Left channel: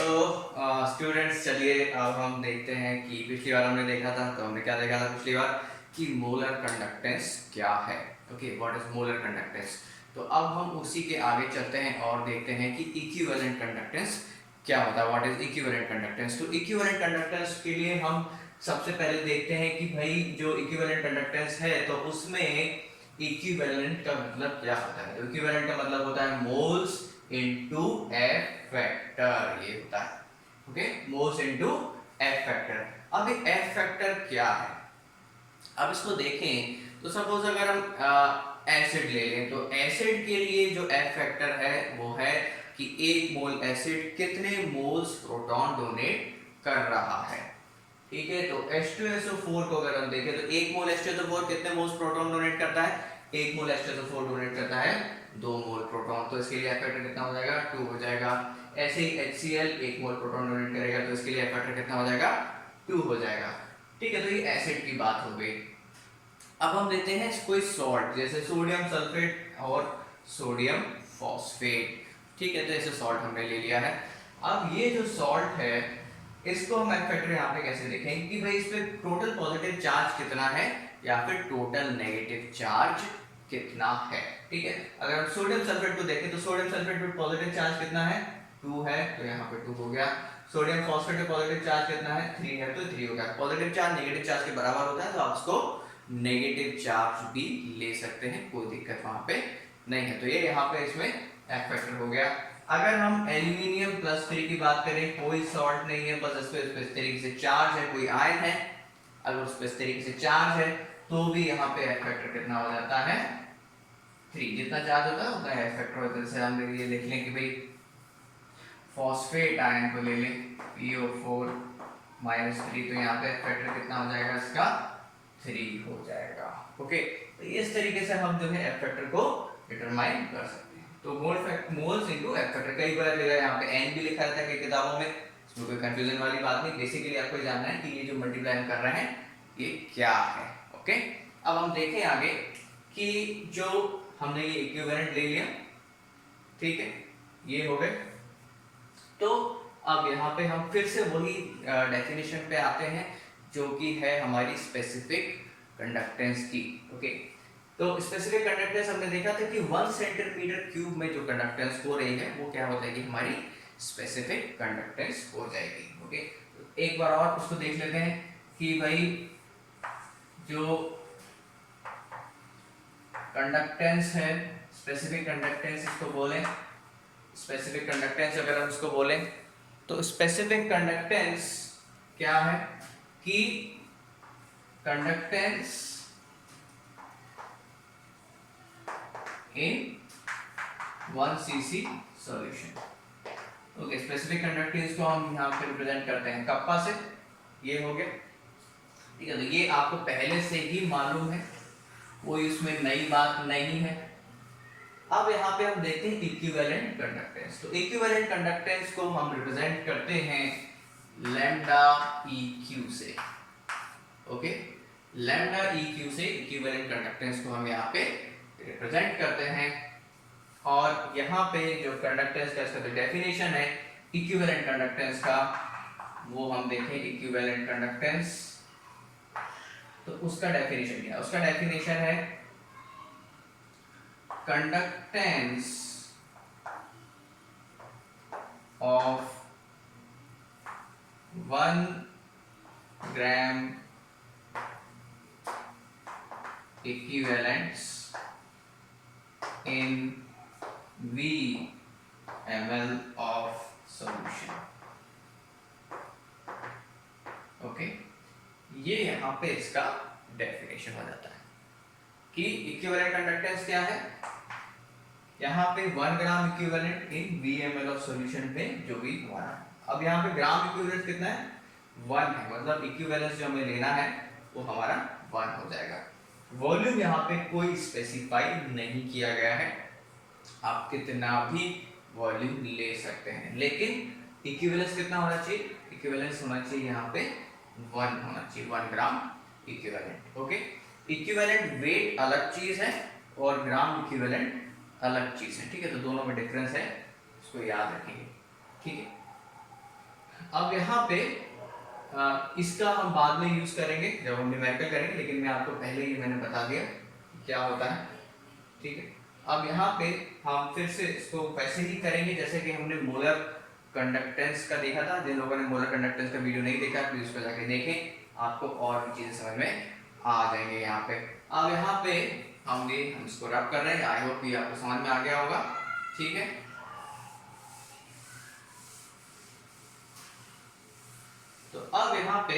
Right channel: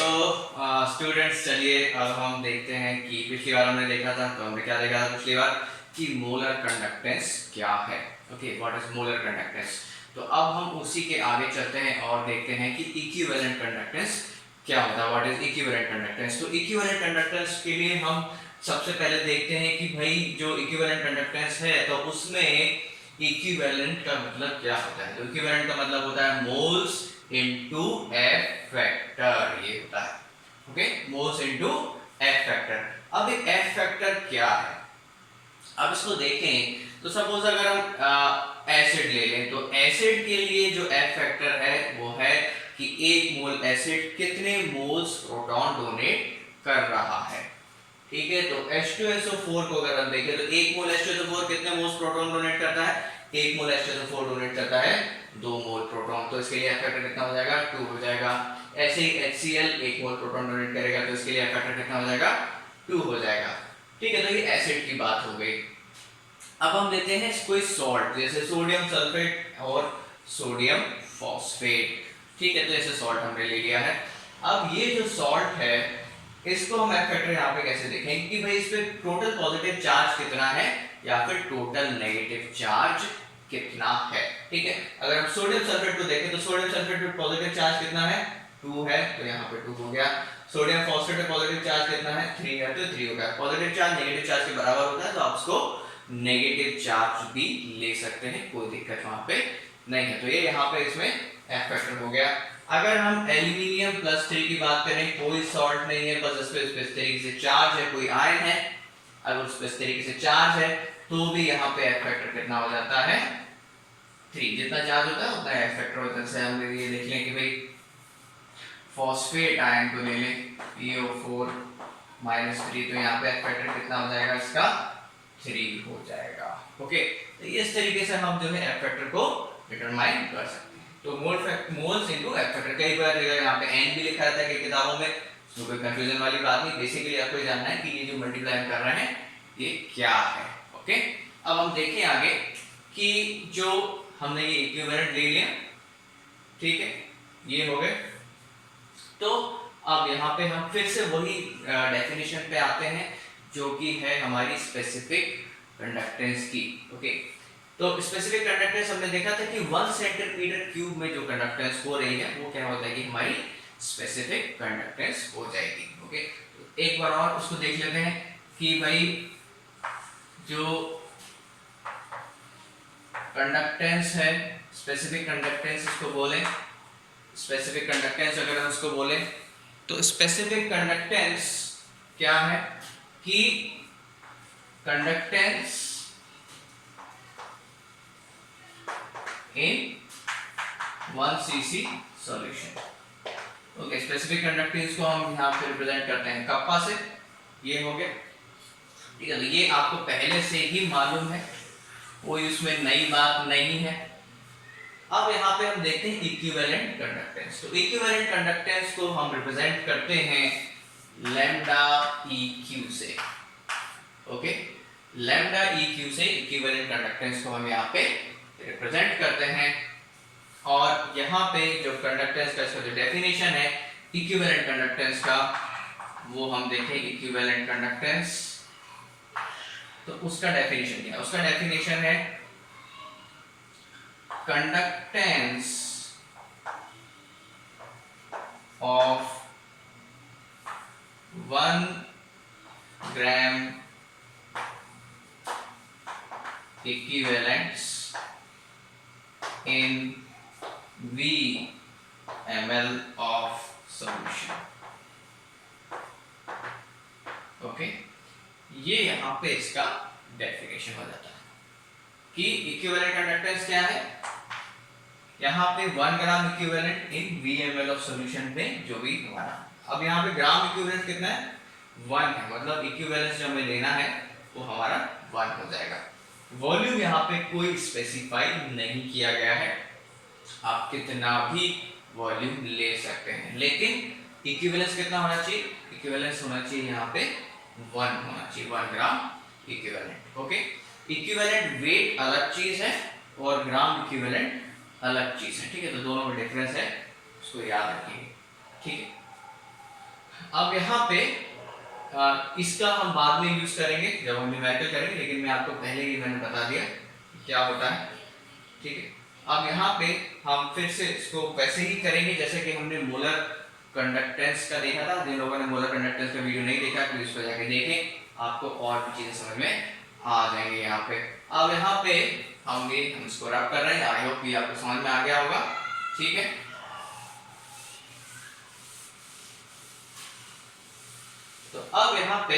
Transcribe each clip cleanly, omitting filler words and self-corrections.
तो स्टूडेंट्स, चलिए अब हम देखते हैं कि पिछली बार हमने देखा था, तो हमने क्या देखा था पिछली बार कि मोलर कंडक्टेंस क्या है। Okay, what is molar conductance. तो अब हम उसी के आगे चलते हैं और देखते हैं कि इक्विवेलेंट कंडक्टेंस क्या होता है। What is equivalent conductance. तो इक्विवेलेंट कंडक्टेंस के लिए हम सबसे पहले देखते हैं कि भाई जो इक्विवेलेंट कंडक्टेंस है तो उसमें इक्विवेलेंट का मतलब क्या होता है। तो इक्विवेलेंट का मतलब होता है मोल्स इनटू एफ फैक्टर, ये होता है। Okay, moles into F factor. अब ये एफ फैक्टर क्या है, अब इसको देखें तो सपोज अगर हम एसिड ले लें तो एसिड के लिए जो एफ फैक्टर है वो है कि एक मोल एसिड कितने मोल्स प्रोटॉन डोनेट कर रहा है। ठीक है, तो H2SO4 को अगर हम देखें तो एक मोल H2SO4 कितने मोल्स प्रोटॉन डोनेट करता है, एक मोल H2SO4 डोनेट करता है 2 मोल प्रोटॉन, तो इसके लिए एफ फैक्टर कितना हो जाएगा, 2 हो जाएगा। ऐसे ही HCl एक मोल प्रोटॉन डोनेट करेगा तो इसके लिए एफ फैक्टर कितना हो जाएगा, 2 हो जाएगा। ठीक है, तो ये एसिड की बात हो गई। अब हम लेते हैं कोई सॉल्ट, जैसे सोडियम सल्फेट और सोडियम फॉस्फेट। ठीक है, तो ऐसे सॉल्ट हमने ले लिया है। अब ये जो सॉल्ट है इसको हम एफ फैक्टर यहाँ पे कैसे देखेंगे कि भाई इस पे टोटल पॉजिटिव चार्ज कितना है या फिर टोटल नेगेटिव चार्ज कितना है। ठीक है, अगर हम सोडियम सल्फेट को देखें तो सोडियम सल्फेट पे पॉजिटिव चार्ज कितना है, 2 है, तो यहाँ पे 2 हो गया। सोडियम फॉस्फेट पे पॉजिटिव चार्ज कितना है, 3 है, तो 3 हो गया। पॉजिटिव चार्ज नेगेटिव चार्ज के बराबर होता है, तो आप इसको नेगेटिव चार्ज भी ले सकते हैं, कोई दिक्कत वहां पे नहीं है। तो ये यहाँ पे इसमें एफ फैक्टर हो गया। अगर हम एल्यूमिनियम प्लस 3 की बात करें, कोई सॉल्ट नहीं है, बस इस पे इस तरीके से चार्ज है, कोई आयन है, अगर उस पे इस तरीके से चार्ज है तो भी यहाँ पे एफ फैक्टर कितना हो जाता है, 3। जितना चार्ज होता है उतना एफ फैक्टर होता है। जैसे हम ये देख लें कि भाई फॉस्फेट आयन को ले लें PO4 -3, तो यहाँ पे एफ फैक्टर कितना हो जाएगा इसका, 3 हो जाएगा। ओके, तो इस तरीके से हम जो है एफ फैक्टर को डिटरमाइन कर सकते हैं। तो मोल्स इनटू एफ फैक्टर, कई बार देखा यहाँ पे एन भी लिखा रहता है कई किताबों में, इसमें कोई कंफ्यूजन वाली बात नहीं। बेसिकली आपको जानना है कि ये जो मल्टीप्लाई हम कर रहे हैं ये क्या है। ओके, अब हम देखें आगे कि जो हमने ये इक्विवेलेंट ले लिया, ठीक है, ये हो गए। तो अब यहाँ पे हम फिर से वही डेफिनेशन पे आते हैं जो कि है हमारी स्पेसिफिक कंडक्टेंस की। ओके, तो स्पेसिफिक कंडक्टेंस हमने देखा था कि 1 सेंटीमीटर क्यूब में जो कंडक्टेंस हो रही है वो क्या हो जाएगी, हमारी स्पेसिफिक कंडक्टेंस हो जाएगी। ओके, तो एक बार और उसको देख लेते हैं कि भाई जो कंडक्टेंस है, स्पेसिफिक कंडक्टेंस इसको बोले, स्पेसिफिक कंडक्टेंस अगर हम उसको बोले तो स्पेसिफिक कंडक्टेंस क्या है कि कंडक्टेंस इन 1 cc solution. Okay, specific conductance को हम यहाँ पे रिप्रेजेंट करते हैं कप्पा से, ये हो गया। ठीक है, तो ये आपको पहले से ही मालूम है, कोई उसमें नई बात नहीं है। अब यहाँ पे हम देखते हैं इक्विवेलेंट कंडक्टेंस। तो इक्विवेलेंट कंडक्टेंस को हम रिप्रेजेंट करते हैं लैम्डा EQ से। ओके, लैम्डा EQ से इक्विवेलेंट कंडक्टेंस को हम यहाँ पे रिप्रेजेंट करते हैं। और यहाँ पे जो कंडक्टेंस का इसका जो डेफिनेशन है इक्विवेलेंट कंडक्टेंस का, वो हम देखें इक्विवेलेंट कंडक्टेंस, तो उसका डेफिनेशन क्या है, उसका डेफिनेशन है conductance of 1 gram equivalents in V ml of solution। Okay, ये यहाँ पे इसका डेफिनेशन हो जाता है कि इक्विवेलेंट कंडक्टेंस क्या है, यहाँ पे 1 gram equivalent in VmL of solution में जो भी हमारा, अब यहाँ पे ग्राम इक्विवेलेंट कितना है, 1 है, मतलब इक्विवेलेंस जो हमें लेना है वो हमारा 1 हो जाएगा। वॉल्यूम यहाँ पे कोई स्पेसिफाई नहीं किया गया है, आप कितना भी वॉल्यूम ले सकते हैं, लेकिन इक्विवेलेंस कितना होना चाहिए, इक्विवेलेंस होना चाहिए यहाँ पे 1 होना चाहिए, 1 ग्राम इक्विवेलेंट। ओके, इक्विवेलेंट वेट अलग चीज है और ग्राम इक्विवेलेंट अलग चीज है। ठीक है, तो दोनों में डिफरेंस है, उसको याद रखिए। ठीक है, अब यहाँ पे इसका हम बाद में यूज करेंगे जब हम न्यूमेरिकल करेंगे, लेकिन मैं आपको पहले ही मैंने बता दिया क्या होता है, ठीक है। अब यहाँ पे हम फिर से इसको वैसे ही करेंगे जैसे कि हमने मोलर कंडक्टेंस का देखा था। जिन लोगों ने मोलर कंडक्टेंस का वीडियो नहीं देखा प्लीज उसको जाके देखें, आपको और भी चीजें समझ में आ जाएंगे यहाँ पे। अब यहाँ पे हम इसको रब कर रहे हैं, आई होप कि आपको समझ में आ गया होगा, ठीक है। तो अब यहाँ पे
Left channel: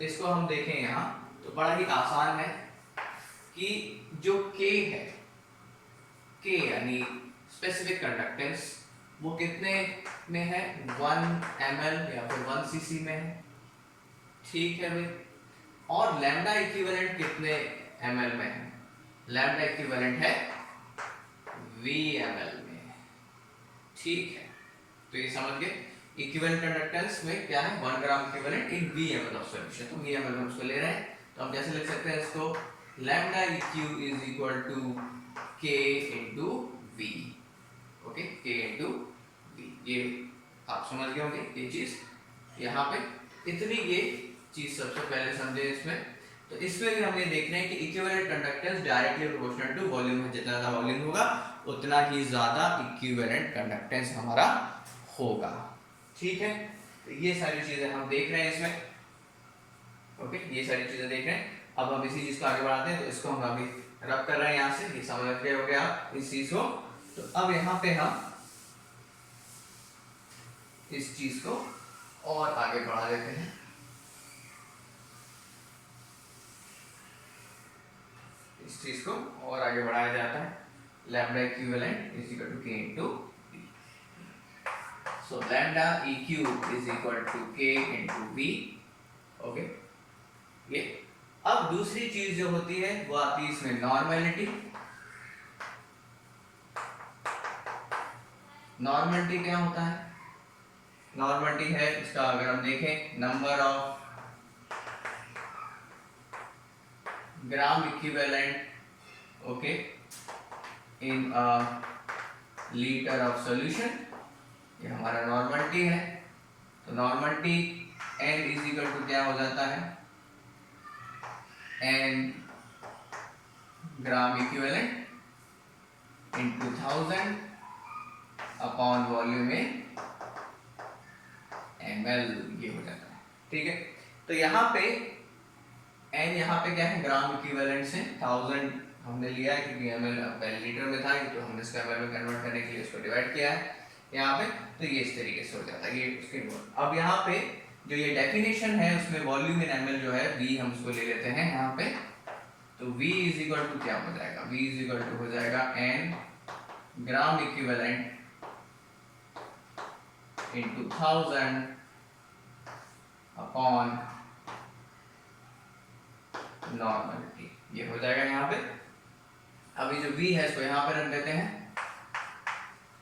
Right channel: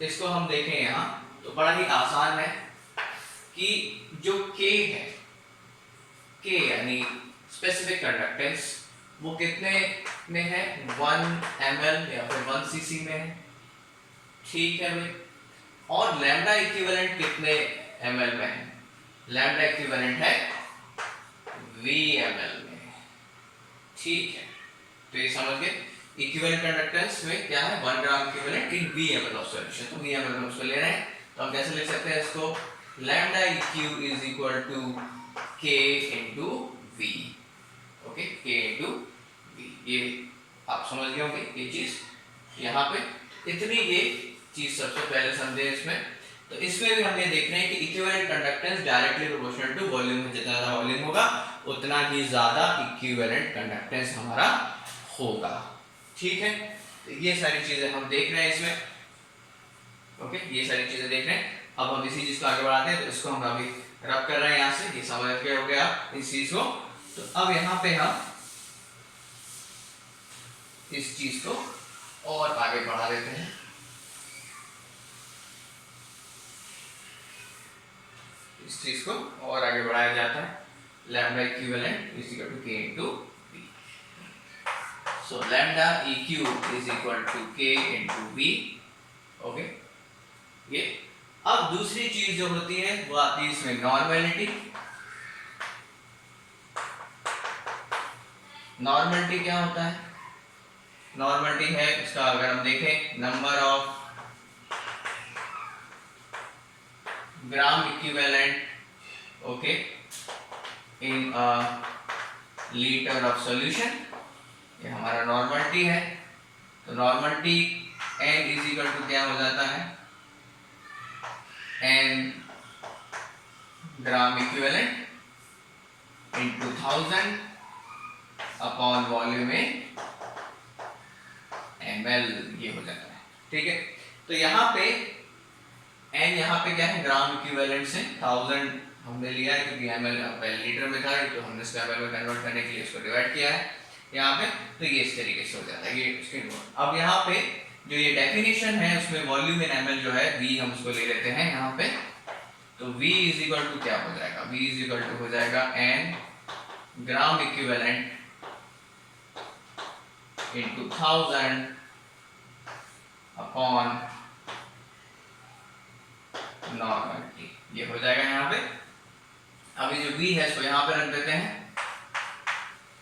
इसको हम देखें यहाँ तो बड़ा ही आसान है कि जो K है, K यानी स्पेसिफिक कंडक्टेंस, वो कितने में है, 1 ml या फिर 1 cc में है, ठीक है भाई। और लैम्डा इक्विवेलेंट कितने ml में है, लैम्डा इक्विवेलेंट है VmL में, ठीक है। तो ये समझ गए इक्विवेलेंट कंडक्टेंस में क्या है, 1 gram equivalent in VmL of solution. तो VmL में उसको ले रहे हैं, तो हम कैसे लिख सकते हैं इसको, lambda E Q is equal to K into V, okay, K into V। ये आप समझ गए होंगे ये चीज, यहाँ पे इतनी ये चीज सबसे पहले समझे इसमें। तो इसमें भी हम ये देख रहे हैं कि equivalent conductance directly proportional to volume है, जितना ज्यादा वॉल्यूम होगा उतना ही ज्यादा इक्विवेलेंट कंडक्टेंस हमारा होगा, ठीक है। तो ये सारी चीजें हम देख रहे हैं इसमें, ओके, ये सारी चीजें देख रहे हैं। अब हम इसी चीज को आगे बढ़ाते हैं, तो इसको हम अभी रब कर रहे हैं यहाँ से, ये समझ के हो गया इस चीज को। तो अब यहाँ पे हम इस चीज को और आगे बढ़ा देते हैं, इस चीज को और आगे बढ़ाया जाता है, lambda equivalent is equal to K into V। So lambda EQ is equal to K into V, okay. ये अब दूसरी चीज जो होती है वो आती है इसमें नॉर्मलिटी। नॉर्मलिटी क्या होता है, नॉर्मलिटी है इसका अगर हम देखें, number of gram equivalent, okay, in a litre of solution, ये हमारा नॉर्मलिटी है। तो normality n is equal to क्या हो जाता है, n gram equivalent into 1000 upon volume in ml, ये हो जाता है, ठीक है। तो यहाँ पे n यहाँ पे क्या है, ग्राम इक्विवेलेंट से 1000 हमने लिया है क्योंकि ml पहले लीटर में था, तो हमने इसको ml में कन्वर्ट करने के लिए इसको डिवाइड किया है यहाँ पे। तो ये इस तरीके से हो जाता है, ये इसके। अब यहाँ पे जो ये डेफिनेशन है उसमें वॉल्यूम इन ml जो है V, हम उसको ले लेते हैं यहाँ पे। तो V इज इक्वल टू क्या हो जाएगा, V इज इक्वल टू हो जाएगा n gram equivalent into 1000 upon normality, ये हो जाएगा यहाँ पे। अभी जो V है इसको यहाँ पे रख देते हैं,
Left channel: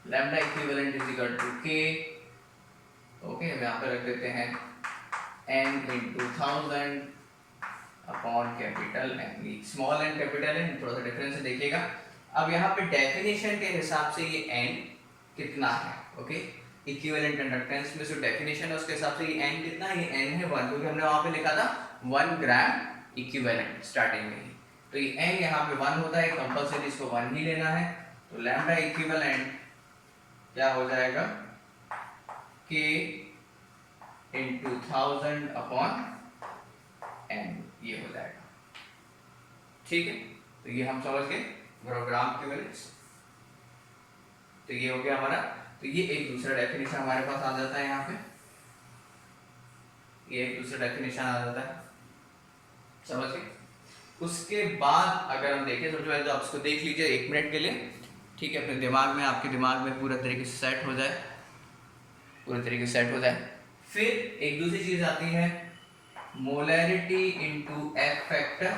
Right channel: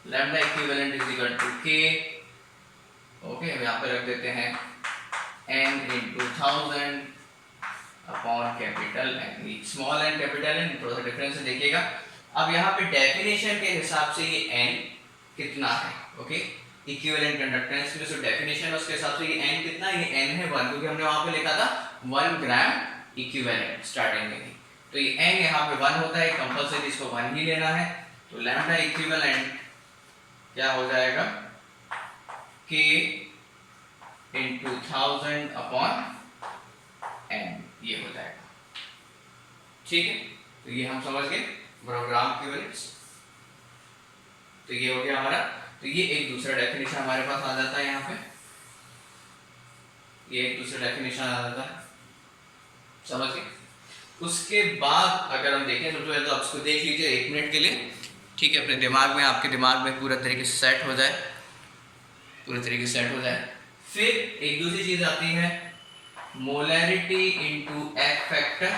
lambda equivalent is equal to K, okay, यहाँ पे रख देते हैं n into 1000 upon capital N, small n capital N, थोड़ा सा डिफरेंस है देखिएगा। अब यहाँ पे डेफिनेशन के हिसाब से ये n कितना है, ओके, इक्विवेलेंट कंडक्टेंस में जो डेफिनेशन है उसके हिसाब से ये n कितना है, ये n है 1, क्योंकि हमने वहां पे लिखा था 1 ग्राम इक्विवेलेंट स्टार्टिंग में ही। तो ये n यहाँ पे 1 होता है, कंपलसरी इसको 1 ही लेना है। तो लैम्डा इक्विवेलेंट क्या हो जाएगा, K इंटू 1000 अपॉन n, ये हो जाएगा, ठीक है। तो ये हम समझ गए ग्राम इक्विवेलेंट्स। तो ये हो गया हमारा। तो ये एक दूसरा डेफिनेशन हमारे पास आ जाता है यहाँ पे, ये एक दूसरा डेफिनेशन आ जाता है, समझ गए। उसके बाद अगर हम देखें तो आप उसको देख लीजिए 1 मिनट के लिए, ठीक है, अपने दिमाग में, आपके दिमाग में पूरा तरीके से सेट हो जाए, पूरे तरीके से सेट हो जाए। फिर एक दूसरी चीज आती है molarity into F factor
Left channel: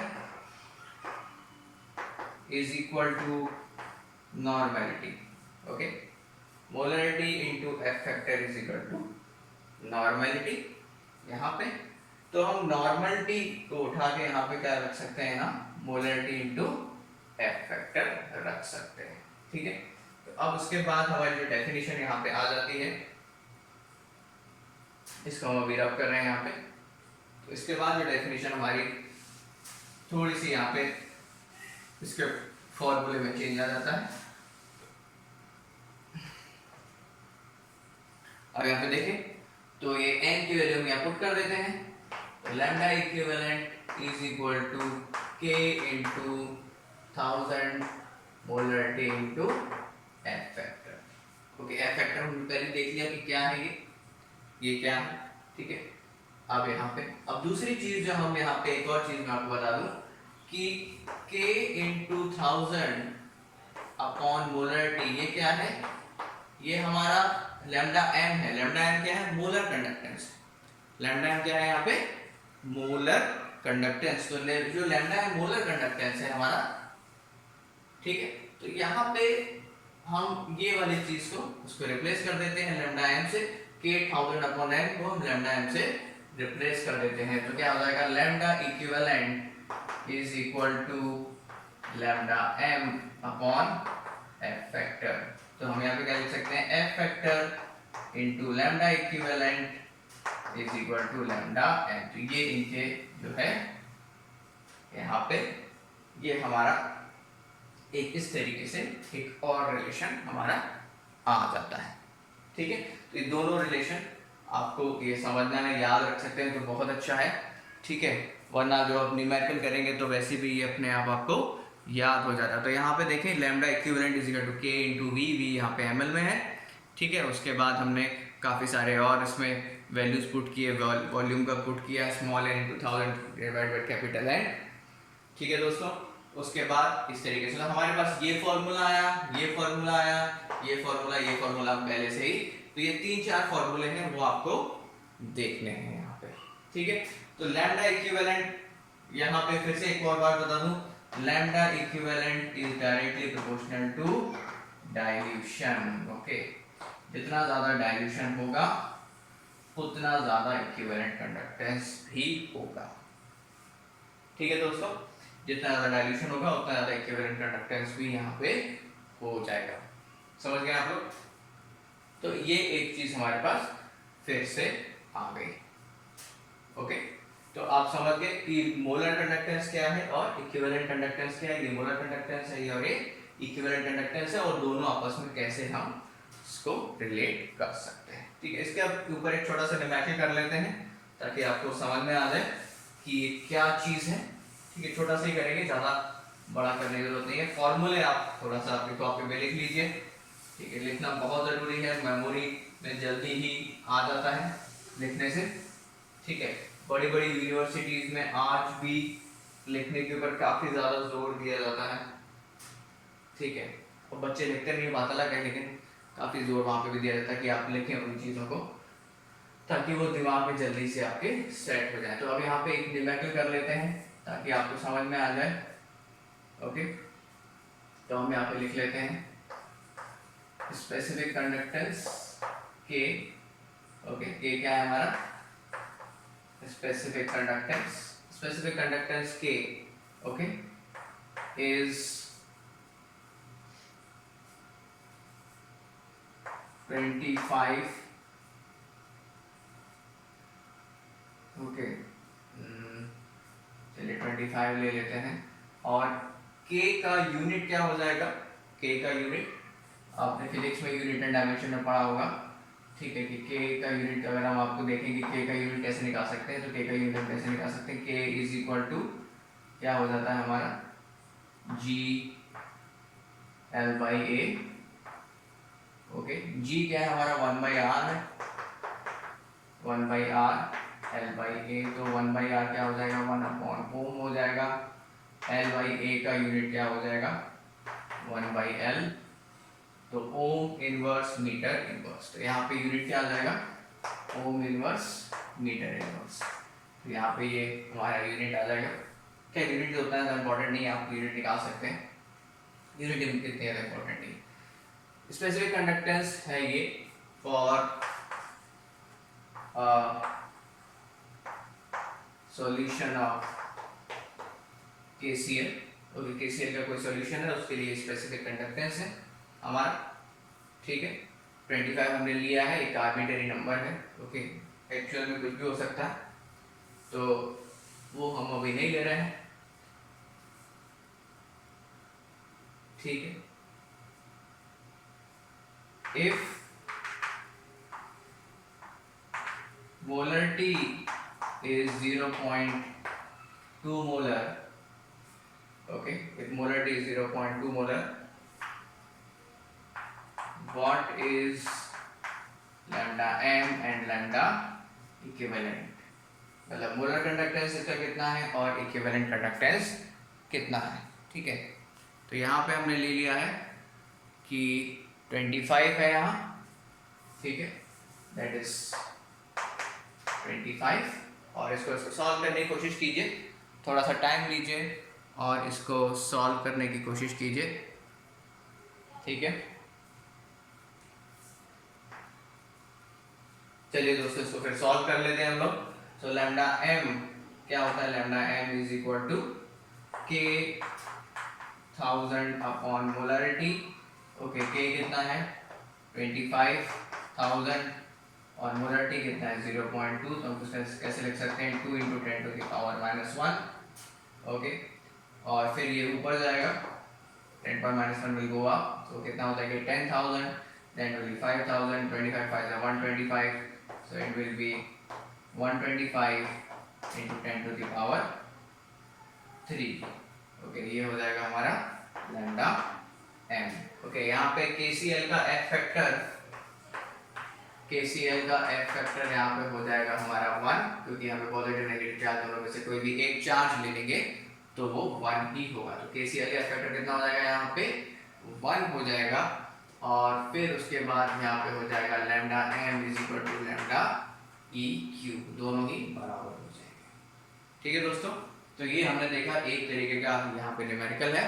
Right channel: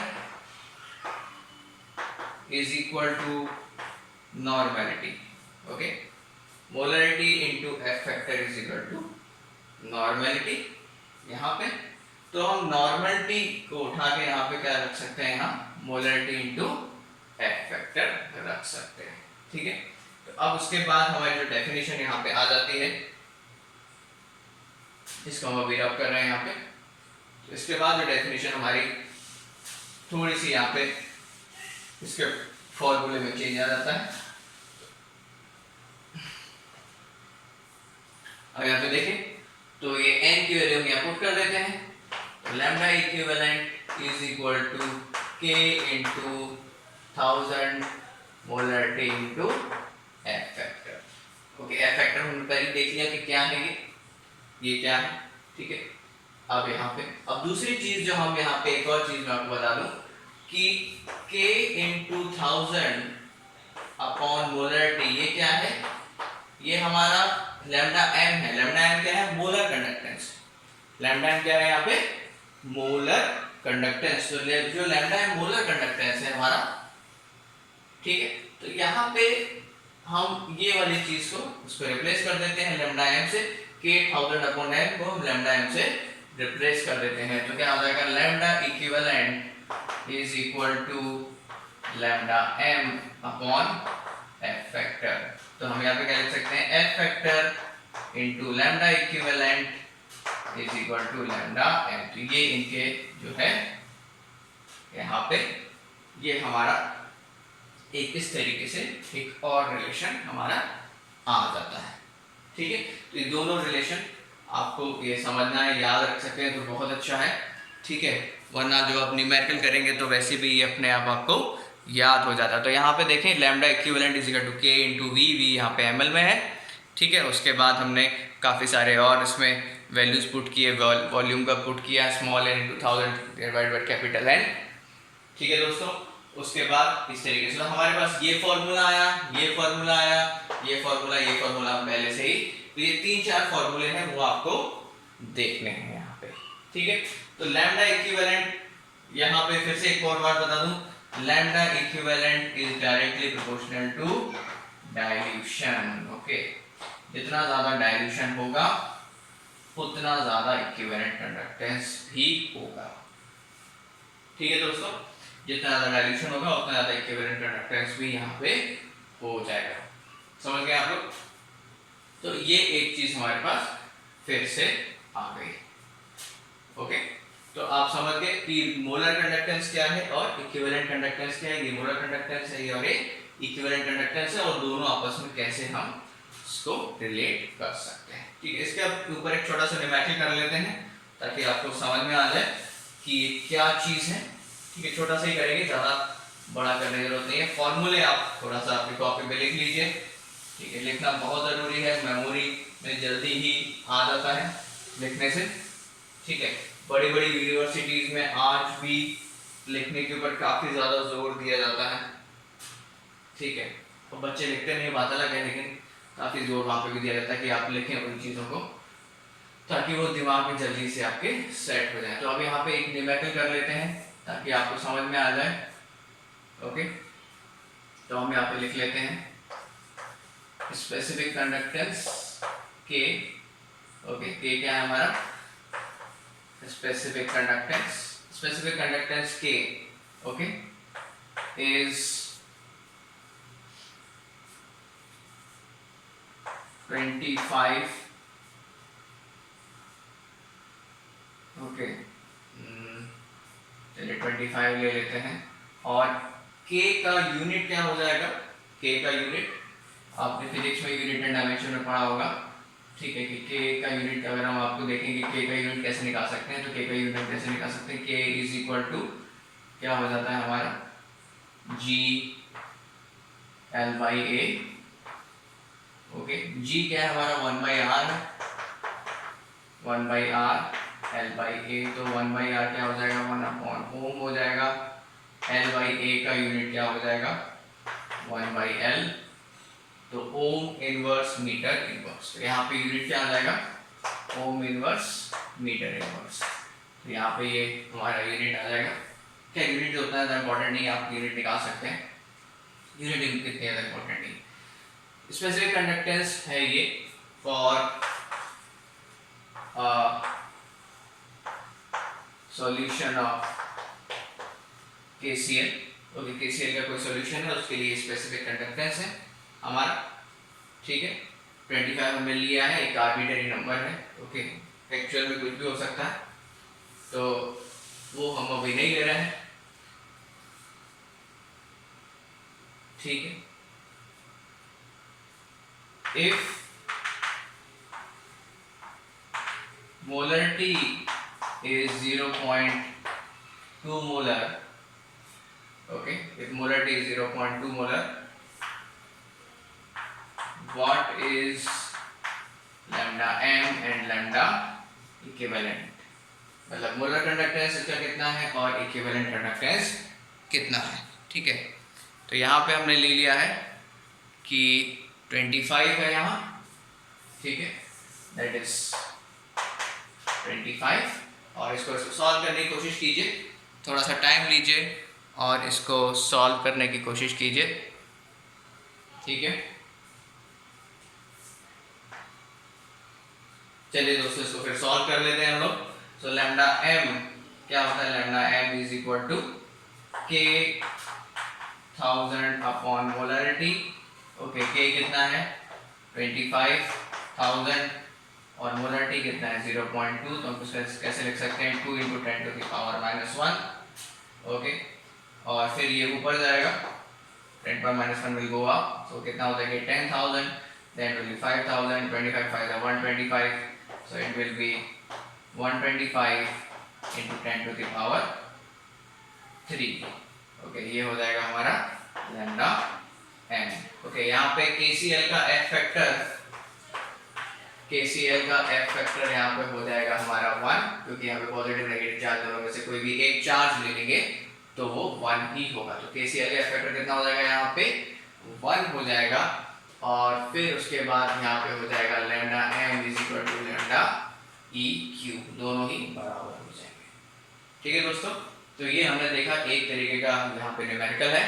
is equal to normality, okay, molarity into F factor is equal to normality यहाँ पे। तो हम नॉर्मलिटी को उठा के यहाँ पे क्या रख सकते हैं, यहाँ मोलैरिटी इंटू एफ फैक्टर रख सकते हैं, ठीक है। तो अब उसके बाद हमारी जो डेफिनेशन यहाँ पे आ जाती है, इसको हम अभी रब कर रहे हैं यहाँ पे। तो इसके बाद जो डेफिनेशन हमारी थोड़ी सी यहाँ पे इसके फॉर्मूले में चेंज आ जाता है। अब यहाँ पे देखें तो ये n की वैल्यू हम यहाँ पुट कर देते हैं, तो lambda equivalent is equal to k into 1000 molarity into F factor. Okay, F factor हमने पहले देख लिया कि क्या है, ये क्या है, ठीक है। अब यहाँ पे अब दूसरी चीज जो हम यहाँ पे, एक और चीज मैं आपको बता दूं कि k इंटू 1000 अपॉन मोलरिटी, ये क्या है, ये हमारा लैम्डा m है। लैम्डा m क्या है, मोलर कंडक्टेंस। लैम्डा m क्या है यहाँ पे, मोलर कंडक्टेंस। तो जो लैम्डा m मोलर कंडक्टेंस है हमारा, ठीक है। तो यहाँ पे हम ये वाली चीज को उसको रिप्लेस कर देते हैं लैम्डा m से, k 1000 अपॉन m को हम लैम्डा m से रिप्लेस कर देते हैं। तो क्या हो जाएगा, lambda equivalent is equal to lambda m upon f factor. तो हम यहाँ पे क्या लिख सकते हैं, f factor into lambda equivalent is equal to lambda m। तो ये इनके जो है यहाँ पे ये हमारा एक इस तरीके से एक और रिलेशन हमारा आ जाता है, ठीक है। तो ये दोनों रिलेशन आपको ये समझना है, याद रख सकते हैं तो बहुत अच्छा है, ठीक है। वरना जो आप न्यूमेरिकल करेंगे तो वैसे भी ये अपने आप आपको याद हो जाता है। तो यहाँ पे देखें lambda equivalent is equal to K into V, V यहाँ पे ml में है, ठीक है। उसके बाद हमने काफ़ी सारे और इसमें वैल्यूज पुट किए, वॉल्यूम का पुट किया, small n into 1000 divided by capital N, ठीक है दोस्तों। उसके बाद इस तरीके से तो हमारे पास ये फॉर्मूला आया, ये फॉर्मूला आया, ये फॉर्मूला पहले से ही, तो ये 3-4 फॉर्मूले हैं वो आपको देखने हैं यहाँ पे, ठीक है। तो लैम्डा इक्विवेलेंट यहाँ पे फिर से एक और बात बता दूं, lambda equivalent is directly proportional to dilution. Okay, जितना ज्यादा डाइल्यूशन होगा उतना ज्यादा इक्विवेलेंट कंडक्टेंस भी होगा, ठीक है दोस्तों। जितना ज्यादा डाइल्यूशन होगा उतना ज्यादा इक्विवेलेंट कंडक्टेंस भी यहाँ पे हो जाएगा। समझ गए आप लोग? तो ये एक चीज हमारे पास फिर से आ गई। ओके, तो आप समझ गए कि मोलर कंडक्टेंस क्या है और इक्विवेलेंट कंडक्टेंस क्या है। ये मोलर कंडक्टेंस है और ये इक्विवेलेंट कंडक्टेंस है, और दोनों आपस में कैसे हम इसको रिलेट कर सकते हैं, ठीक है। इसके ऊपर एक छोटा सा न्यूमेरिकल कर लेते हैं ताकि आपको समझ में आ जाए कि ये क्या चीज है, ठीक है। छोटा सा ही करेंगे, ज्यादा बड़ा करने की जरूरत नहीं है। फॉर्मूले आप थोड़ा सा अपनी कॉपी पे लिख लीजिए, ठीक है। लिखना बहुत जरूरी है, मेमोरी में जल्दी ही आ जाता है लिखने से, ठीक है। बड़ी बड़ी यूनिवर्सिटीज में आज भी लिखने के ऊपर काफी ज्यादा जोर दिया जाता है, ठीक है। तो बच्चे लिखते नहीं, बात अलग है, लेकिन काफी जोर वहां पे भी दिया जाता है कि आप लिखें उन चीजों को ताकि वो दिमाग में जल्दी से आपके सेट हो जाए। तो अब यहाँ पे एक न्यूमेरिकल कर लेते हैं ताकि आपको समझ में आ जाए। ओके, तो हम यहाँ पे लिख लेते हैं स्पेसिफिक कंडक्टेंस के। ओके, के क्या है हमारा, स्पेसिफिक कंडक्टेंस के, ओके, इज 25, ओके, चलिए 25 ले लेते हैं। और k का यूनिट क्या हो जाएगा, k का यूनिट आपने फिजिक्स में यूनिट एंड डायमेंशन में पढ़ा होगा, ठीक है। कि k का यूनिट अगर हम आपको देखेंगे k का यूनिट कैसे निकाल सकते हैं, तो k का यूनिट कैसे निकाल सकते हैं, k इज इक्वल टू क्या हो जाता है हमारा, g l by a। Okay, g क्या है हमारा 1 बाई r है, 1 by r l by a। तो 1 बाई r क्या हो जाएगा, 1 अपॉन ओम हो जाएगा। l बाई a का यूनिट क्या हो जाएगा, 1 बाई l। तो ओम इनवर्स मीटर इनवर्स, तो यहाँ पे यूनिट क्या आ जाएगा, ओम इनवर्स मीटर इनवर्स। तो यहाँ पे ये हमारा यूनिट आ जाएगा। क्या यूनिट जो उतना इंपॉर्टेंट नहीं है, आप यूनिट निकाल सकते हैं, यूनिट इतनी ज़्यादा इंपॉर्टेंट नहीं। स्पेसिफिक कंडक्टेंस है ये for solution of KCL। Okay, KCL का कोई सॉल्यूशन है उसके लिए स्पेसिफिक कंडक्टेंस है हमारा। ठीक है। 25 हमने लिया है, एक आर्बिट्रेरी नंबर है, ओके, एक्चुअल में कुछ भी हो सकता है, तो वो हम अभी नहीं ले रहे हैं, ठीक है। If molarity is 0.2 molar, okay, if molarity is 0.2 molar, what is lambda m and lambda equivalent, मतलब मोलर कंडक्टेंस इसका कितना है और इक्विवेलेंट कंडक्टेंस कितना है, ठीक है। तो यहाँ पे हमने ले लिया है कि 25 है यहाँ, ठीक है, दैट इज 25, और इसको सॉल्व करने की कोशिश कीजिए, थोड़ा सा टाइम लीजिए और इसको सॉल्व करने की कोशिश कीजिए, ठीक है। चलिए दोस्तों इसको फिर सॉल्व कर लेते हैं हम लोग। सो लैम्डा एम क्या होता है, lambda M is equal to K 1000 upon molarity, okay, के कितना है 25,000 और मोलरिटी कितना है 0.2, तो हम कैसे लिख सकते हैं 2 × 10⁻⁻1, ओके, और फिर ये ऊपर जाएगा 10⁻⁻1 विल गो अप, तो कितना होता है कि 10,000, then will be 5,000, 25 5 are 125, so it will be 125 into 10⁻3, okay, ये हो जाएगा हमारा लैम्डा एम, ओके। यहाँ पे KCL का F फैक्टर यहाँ पे हो जाएगा हमारा 1, क्योंकि यहाँ पे पॉजिटिव नेगेटिव चार्ज दोनों में से कोई भी एक चार्ज ले लेंगे तो वो 1 ही होगा, तो KCL का F फैक्टर कितना हो जाएगा यहाँ पे 1 हो जाएगा, और फिर उसके बाद यहाँ पे हो जाएगा lambda M is equal to lambda E Q, दोनों ही बराबर हो जाएंगे, ठीक है दोस्तों। तो ये हमने देखा एक तरीके का यहाँ पे न्यूमेरिकल है,